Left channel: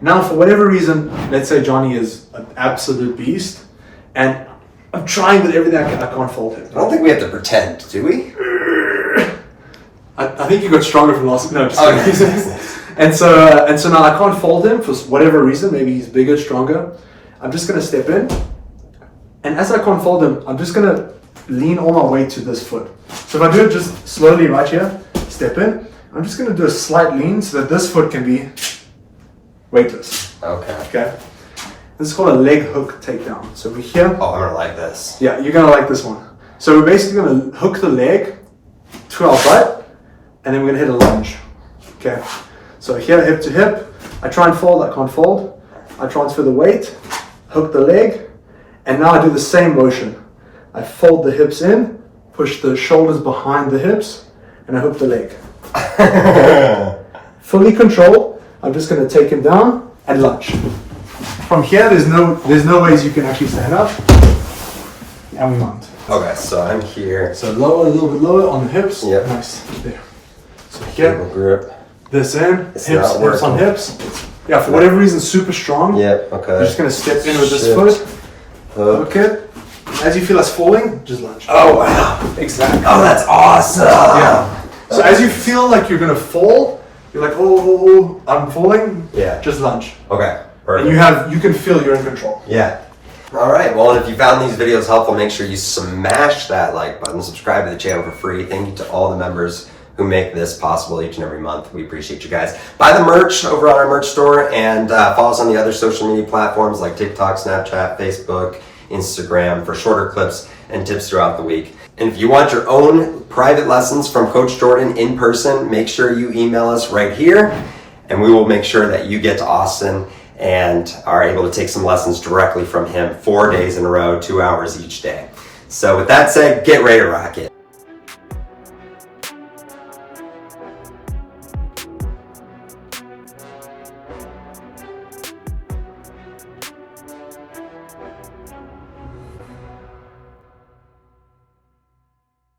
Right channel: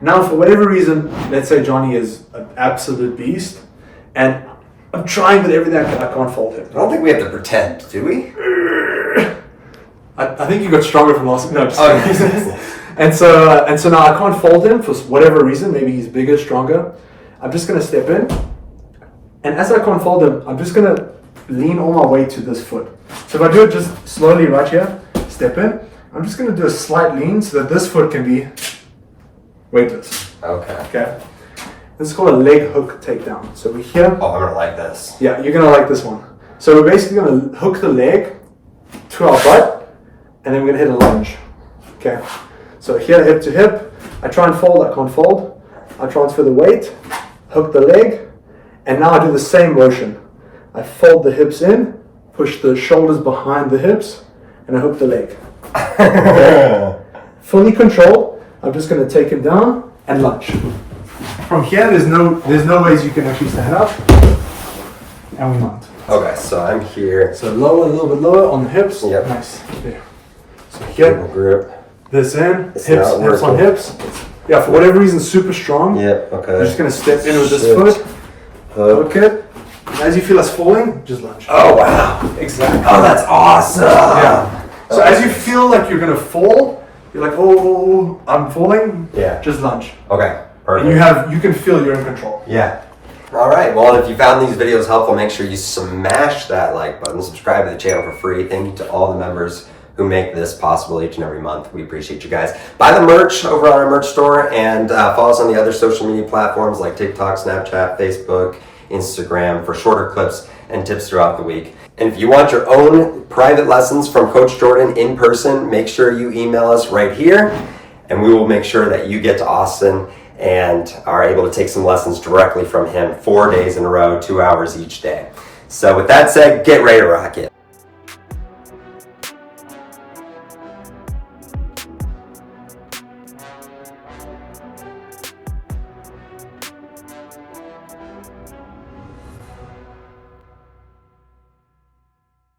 Now, for whatever reason, let's say Johnny is an absolute beast, and I'm trying with everything I can't fold him. I don't think we have to pretend, do we? I think you got stronger from last. No, just kidding. And so now I can't fold him for whatever reason. Maybe he's bigger, stronger. I'm just gonna step in, and as I can't fold him, I'm just gonna lean all my weight to this foot. So if I do it just slowly right here, step in. I'm just gonna do a slight lean so that this foot can be weightless. Okay. This is called a leg hook takedown. So we're here. Oh, I'm gonna like this. Yeah, you're gonna like this one. So we're basically gonna hook the leg to our butt, and then we're gonna hit a lunge. Okay. So here, hip to hip. I try and fold. I can't fold. I transfer the weight, hook the leg, and now I do the same motion. I fold the hips in, push the shoulders behind the hips, and I hook the leg. Okay. Fully controlled. I'm just gonna take him down and lunge. From here, there's no ways you can actually stand up, and we mount. Okay, so I'm here. So lower, a little bit lower on the hips. Yep. Nice. There. So here, Grip. this in, It's hips not working. on hips. Yeah, for whatever reason, super strong. Yep. Okay. You're just gonna step in with this Shift. foot. Hook. Hook it. As you feel us falling, just lunge. Oh wow! Exactly. Oh, that's awesome. Yeah. So as you feel like you're gonna fall, you're like, oh, I'm falling. Yeah. Just lunge. Okay. And Perfect. you can feel you're in control. Yeah. All right. Well, and if you found these videos helpful, make sure you smash that like button, subscribe to the channel for free. Thank you to all the members who make this possible each and every month. We appreciate you guys. Buy the merch over on our merch store, and follow us on the other social media platforms like TikTok, Snapchat, Facebook, Instagram for shorter clips and tips throughout the week. And if you want your own private lessons from Coach Jordan in person, make sure you email us right here, and we will make sure that you get to Austin and are able to take some lessons directly from him 4 days in a row, 2 hours each day. So with that said, get ready to rock it.